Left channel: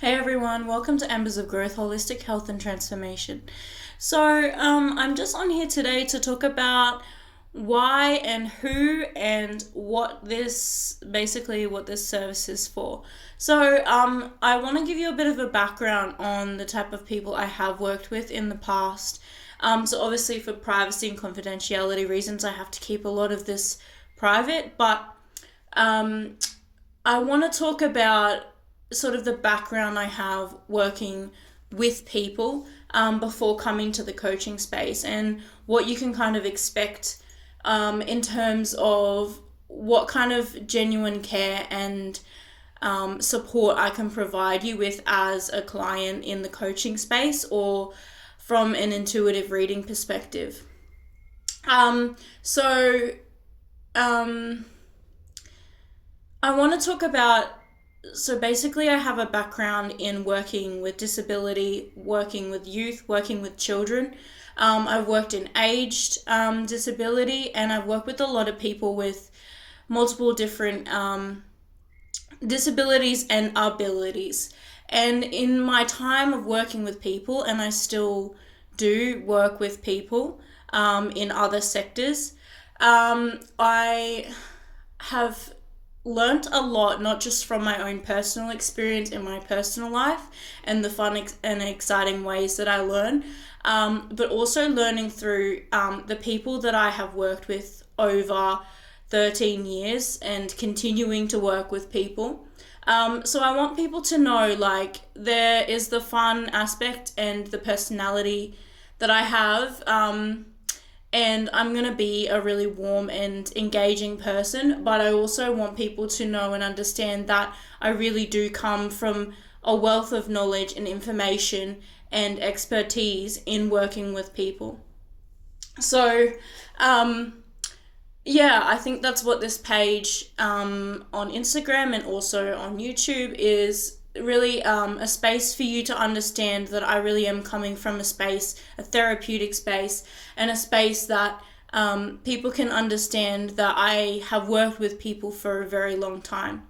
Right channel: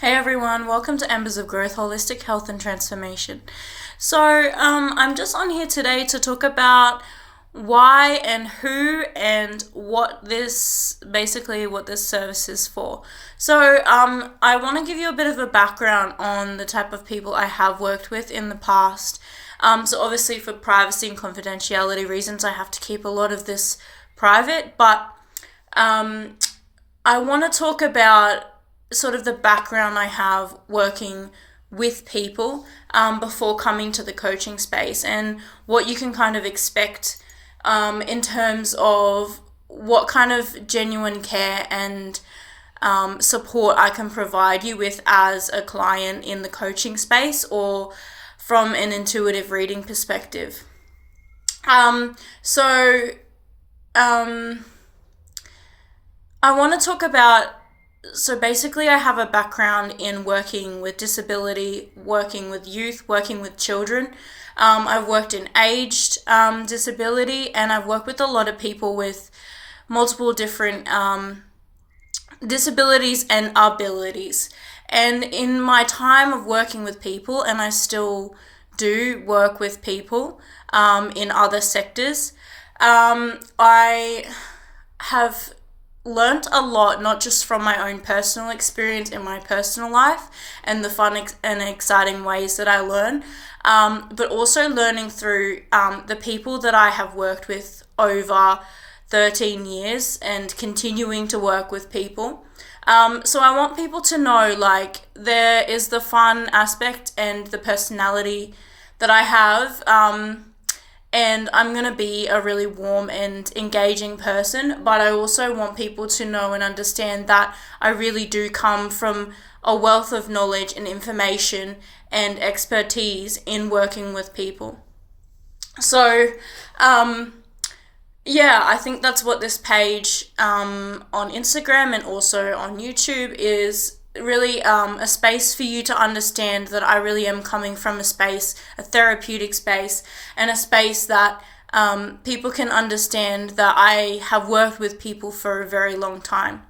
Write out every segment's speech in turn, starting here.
Hey everyone, welcome to Embers of Growth, Holistic Health and Transformation. I'm just on here today to talk about why and who and what this service is for. I want to give you a bit of a background on the type of people I have worked with in the past. Obviously for privacy and confidentiality reasons, I have to keep a lot of this private, but I want to talk about sort of the background I have working with people before coming to the coaching space and what you can kind of expect in terms of what kind of genuine care and support I can provide you with as a client in the coaching space or from an intuitive reading perspective. I want to talk about basically, I have a background in working with disability, working with youth, working with children. I've worked in aged disability, and I've worked with a lot of people with multiple different disabilities and abilities. And in my time of working with people, and I still do work with people in other sectors, I have learnt a lot, not just from my own personal experience in my personal life and the fun and exciting ways that I learn, but also learning through the people that I have worked with over 13 years and continuing to work with people. I want people to know, like, there is the fun aspect and the personality that I have, and I'm going to be a really warm and engaging person, but I also want people to know and understand that I really do come from a wealth of knowledge and information and expertise in working with people. I think that's what this page on Instagram and also on YouTube is really a space for you to understand that I really am coming from a therapeutic space, and a space that people can understand that I have worked with people for a very long time.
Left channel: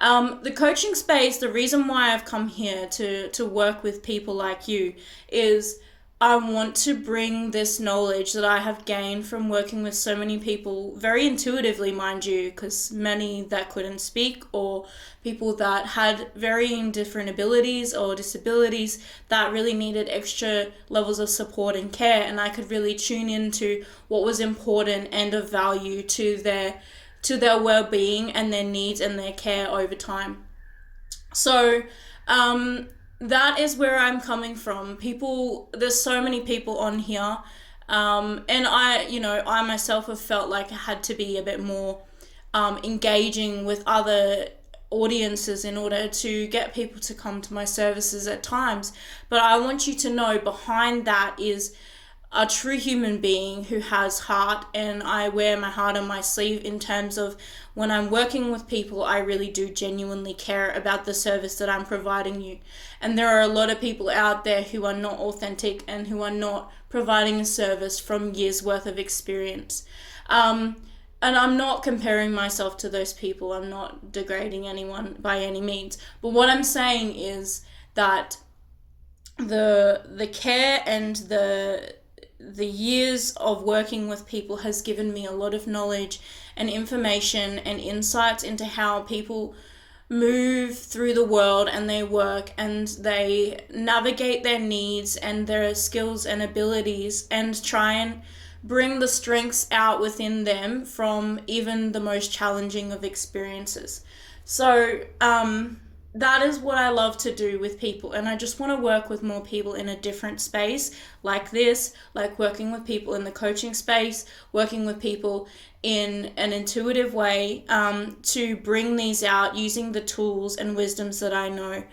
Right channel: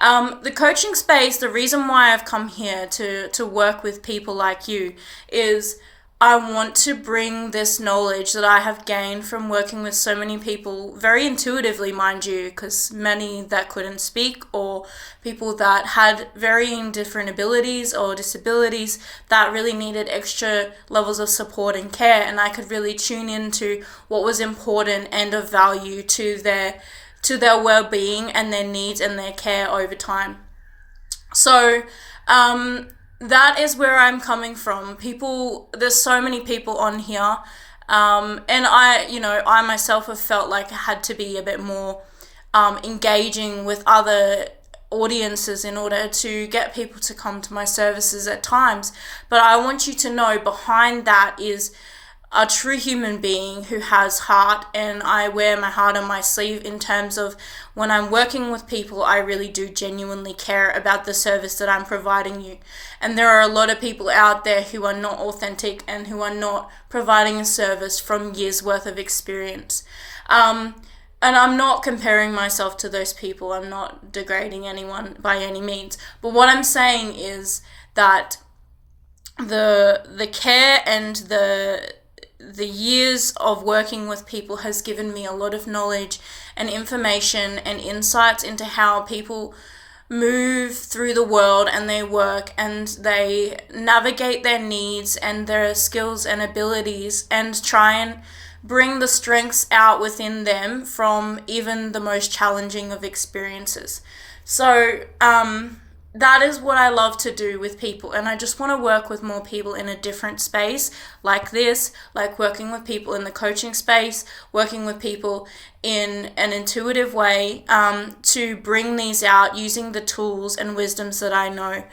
The coaching space, the reason why I've come here to work with people like you is I want to bring this knowledge that I have gained from working with so many people, very intuitively, mind you, because many that couldn't speak or people that had varying different abilities or disabilities that really needed extra levels of support and care, and I could really tune into what was important and of value to their well-being and their needs and their care over time. That is where I'm coming from. There's so many people on here, and I myself have felt like I had to be a bit more engaging with other audiences in order to get people to come to my services at times. But I want you to know behind that is a true human being who has heart, and I wear my heart on my sleeve in terms of when I'm working with people, I really do genuinely care about the service that I'm providing you. And there are a lot of people out there who are not authentic and who are not providing a service from years worth of experience. And I'm not comparing myself to those people. I'm not degrading anyone by any means. But what I'm saying is that the care and the years of working with people has given me a lot of knowledge and information and insights into how people move through the world and they work and they navigate their needs and their skills and abilities and try and bring the strengths out within them from even the most challenging of experiences. That is what I love to do with people, and I just want to work with more people in a different space like this, like working with people in the coaching space, working with people in an intuitive way, to bring these out using the tools and wisdoms that I know.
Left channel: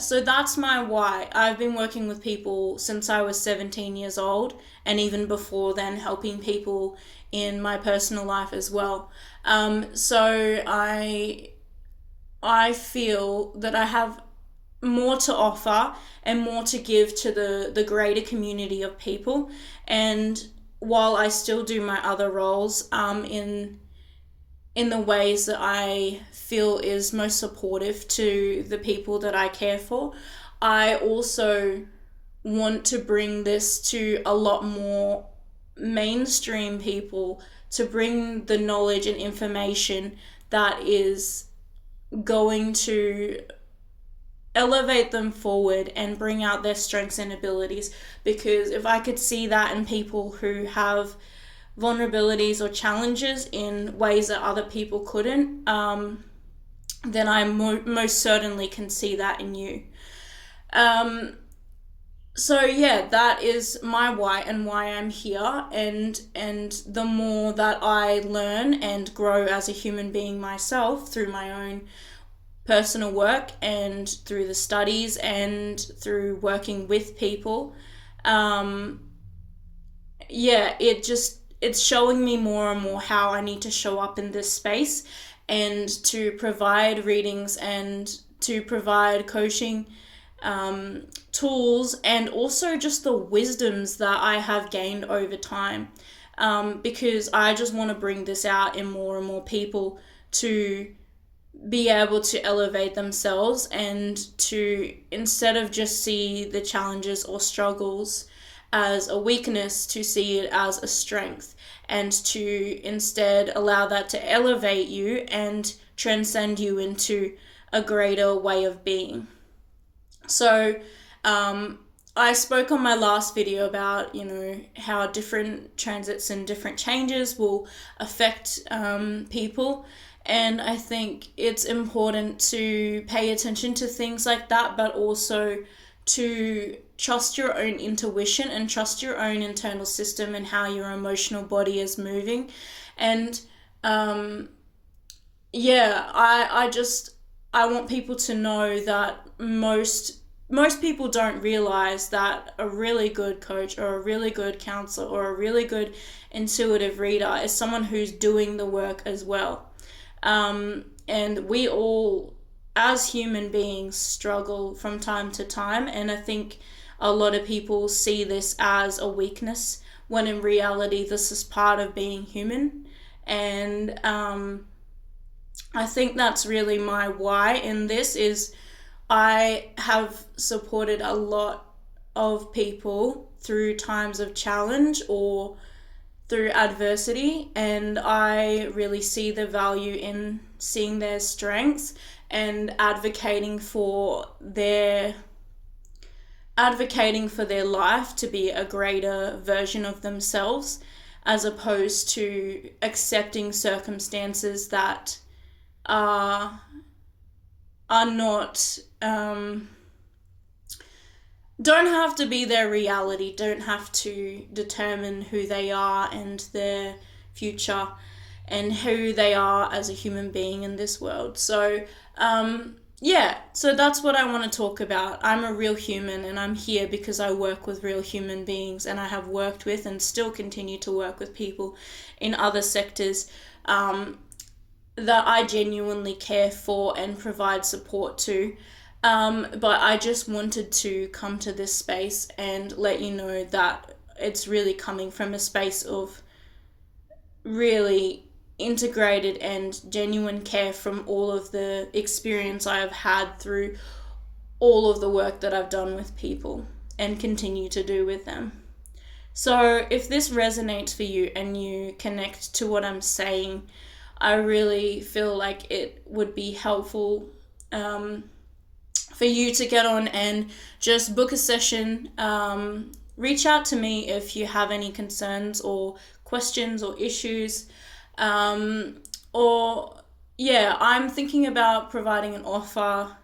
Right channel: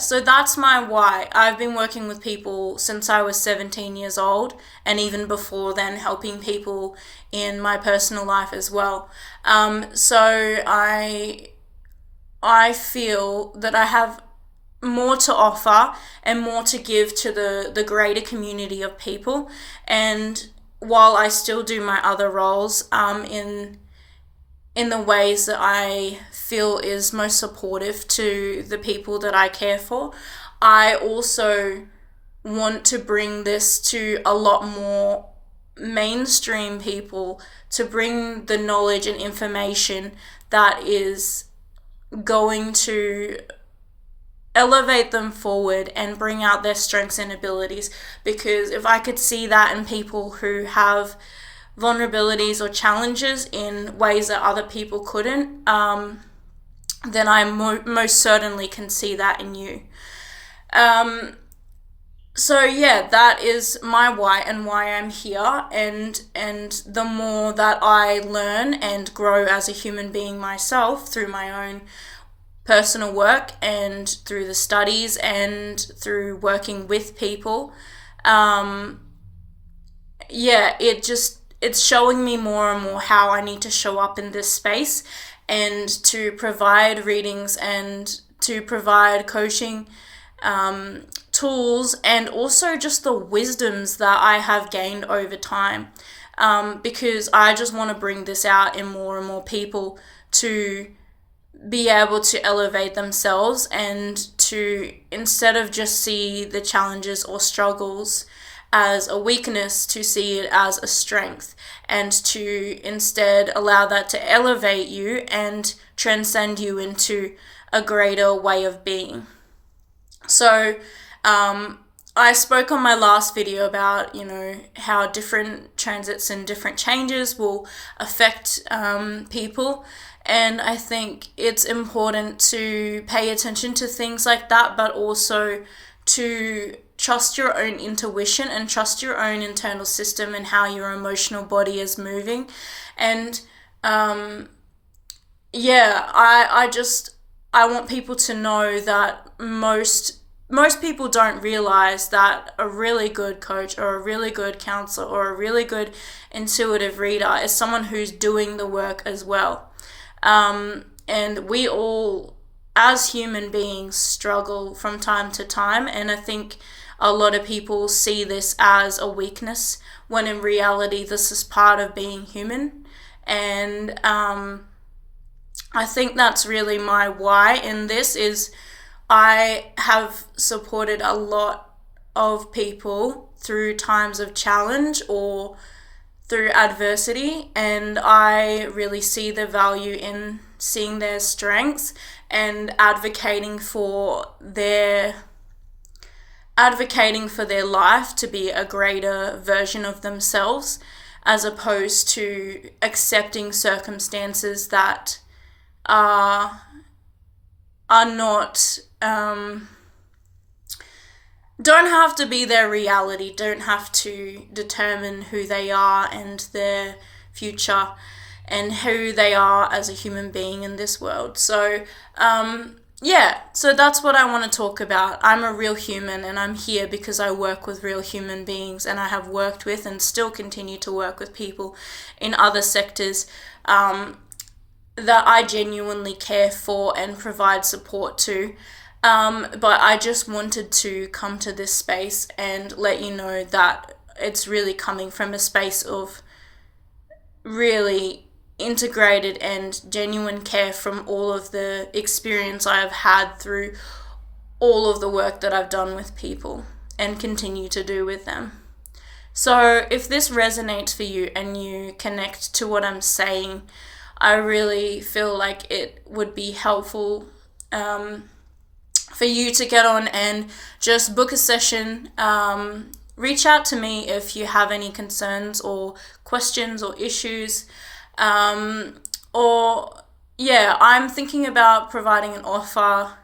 So that's my why. I've been working with people since I was 17 years old, and even before then, helping people in my personal life as well. I feel that I have more to offer and more to give to the greater community of people. And while I still do my other roles in in the ways that I feel is most supportive to the people that I care for. I also want to bring this to a lot more mainstream people, to bring the knowledge and information that is going to elevate them forward and bring out their strengths and abilities. Because if I could see that in people who have vulnerabilities or challenges in ways that other people couldn't, then I most certainly can see that in you. So yeah, that is my why and why I'm here, and the more that I learn and grow as a human being myself through my own personal work and through the studies and through working with people, it's showing me more and more how I need to show up in this space and to provide readings and to provide coaching tools, and also just the wisdoms that I have gained over time, because I just want to bring this out in more and more people to be able to elevate themselves, and to, instead of just see the challenges or struggles as a weakness, to see it as a strength, and to instead allow that to elevate you and transcend you into a greater way of being. So I spoke on my last video about, how different transits and different changes will affect people. And I think it's important to pay attention to things like that, but also to trust your own intuition and trust your own internal system and how your emotional body is moving. And I want people to know that most people don't realize that a really good coach or a really good counselor or a really good intuitive reader is someone who's doing the work as well. And we all, as human beings, struggle from time to time, and I think a lot of people see this as a weakness, when in reality this is part of being human. And I think that's really my why in this, is I have supported a lot of people through times of challenge or through adversity, and I really see the value in seeing their strengths and advocating for their life to be a greater version of themselves, as opposed to accepting circumstances that are not don't have to be their reality, don't have to determine who they are and their future and who they are as a human being in this world. So so that's what I want to talk about. I'm a real human, and I'm here because I work with real human beings, and I have worked with and still continue to work with people in other sectors that I genuinely care for and provide support to. But I just wanted to come to this space and let you know that it's really coming from a space of really integrated and genuine care from all of the experience I have had through all of the work that I've done with people and continue to do with them. So if this resonates for you and you connect to what I'm saying, I really feel like it would be helpful for you to get on and just book a session. Reach out to me if you have any concerns or questions or issues. I'm thinking about providing an offer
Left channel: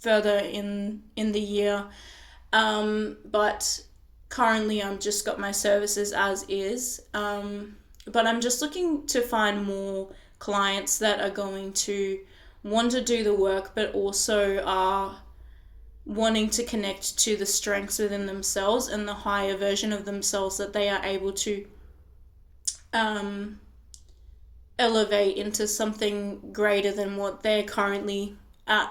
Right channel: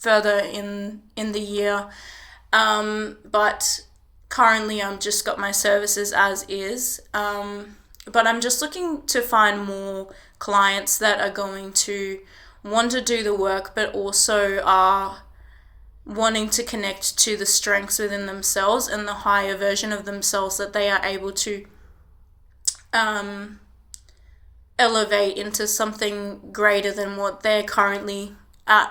further in the year, but currently I'm just got my services as is. But I'm just looking to find more clients that are going to want to do the work, but also are wanting to connect to the strengths within themselves and the higher version of themselves that they are able to elevate into something greater than what they're currently at.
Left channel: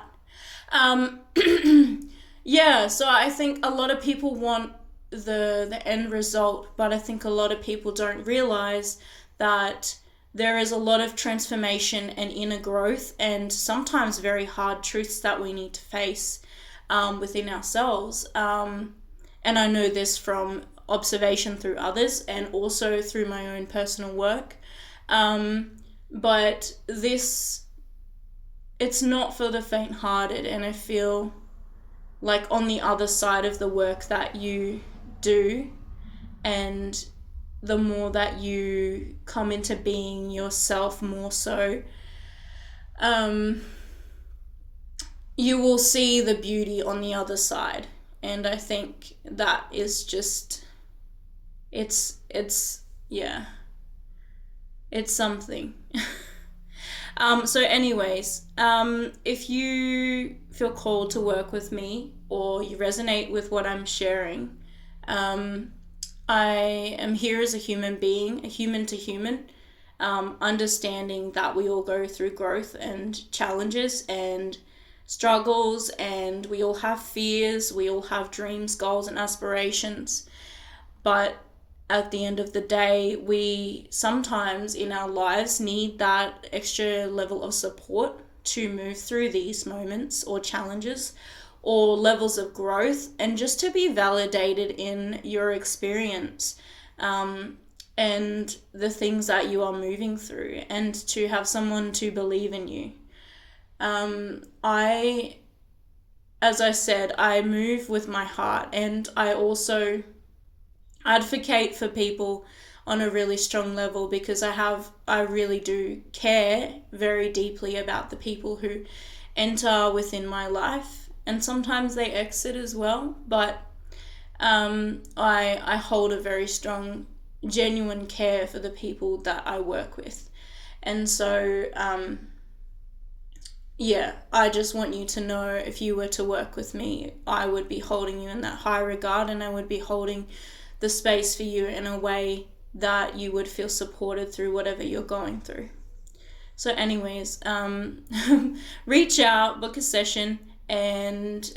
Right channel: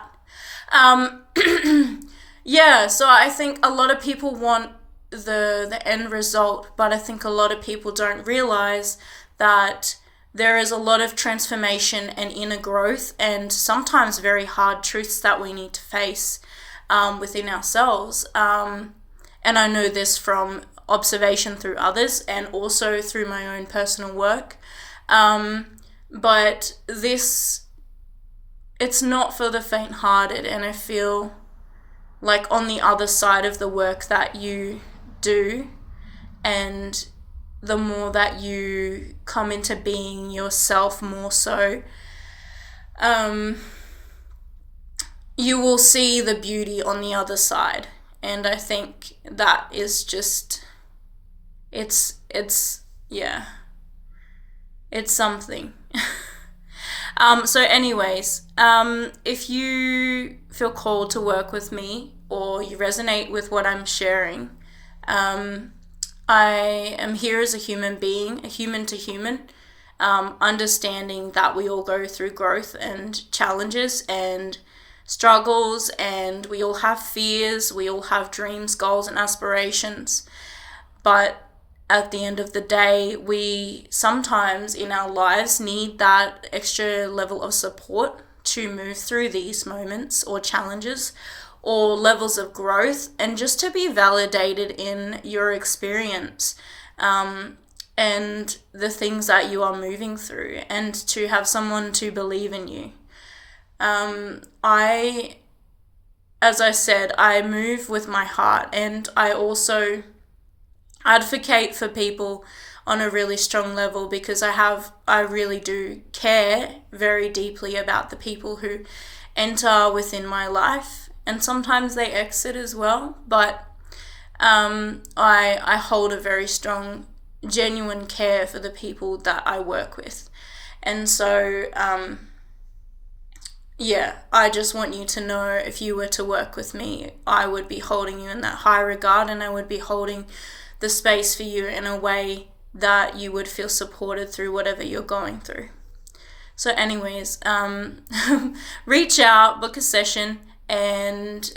So I think a lot of people want the end result, but I think a lot of people don't realize that there is a lot of transformation and inner growth, and sometimes very hard truths that we need to face within ourselves. And I know this from observation through others and also through my own personal work. But it's not for the faint-hearted, and I feel like on the other side of the work that you do, and the more that you come into being yourself more so, you will see the beauty on the other side. And I think that is just, yeah, it's something. So anyways, if you feel called to work with me or you resonate with what I'm sharing, I am here as a human being, a human to human, understanding that we all go through growth and challenges and struggles, and we all have fears, we all have dreams, goals, and aspirations. But at the end of the day, we sometimes in our lives need that extra level of support to move through these moments or challenges or levels of growth, and just to be validated in your experience, and the things that you are moving through, and to have someone to believe in you. As I said, I move with my heart, and I also advocate for people on a really strong level, because I really do care very deeply about the people who enter within my life, and sometimes they exit as well, but I hold a very strong, genuine care for the people that I work with. And so yeah, I just want you to know, if you were to work with me, I would be holding you in that high regard, and I would be holding the space for you in a way that you would feel supported through whatever you're going through. So anyways, reach out, book a session, and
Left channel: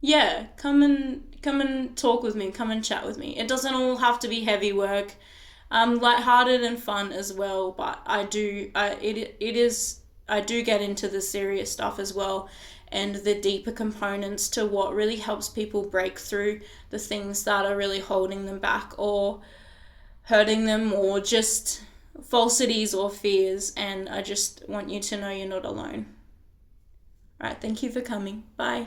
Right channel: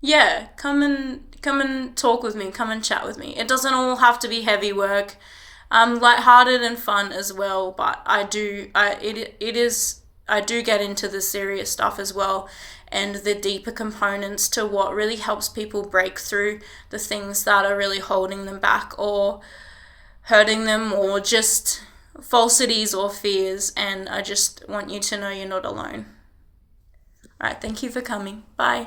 yeah, come and talk with me, come and chat with me. It doesn't all have to be heavy work. Lighthearted and fun as well, but I do get into the serious stuff as well, and the deeper components to what really helps people break through the things that are really holding them back or hurting them, or just falsities or fears. And I just want you to know you're not alone. All right, thank you for coming. Bye.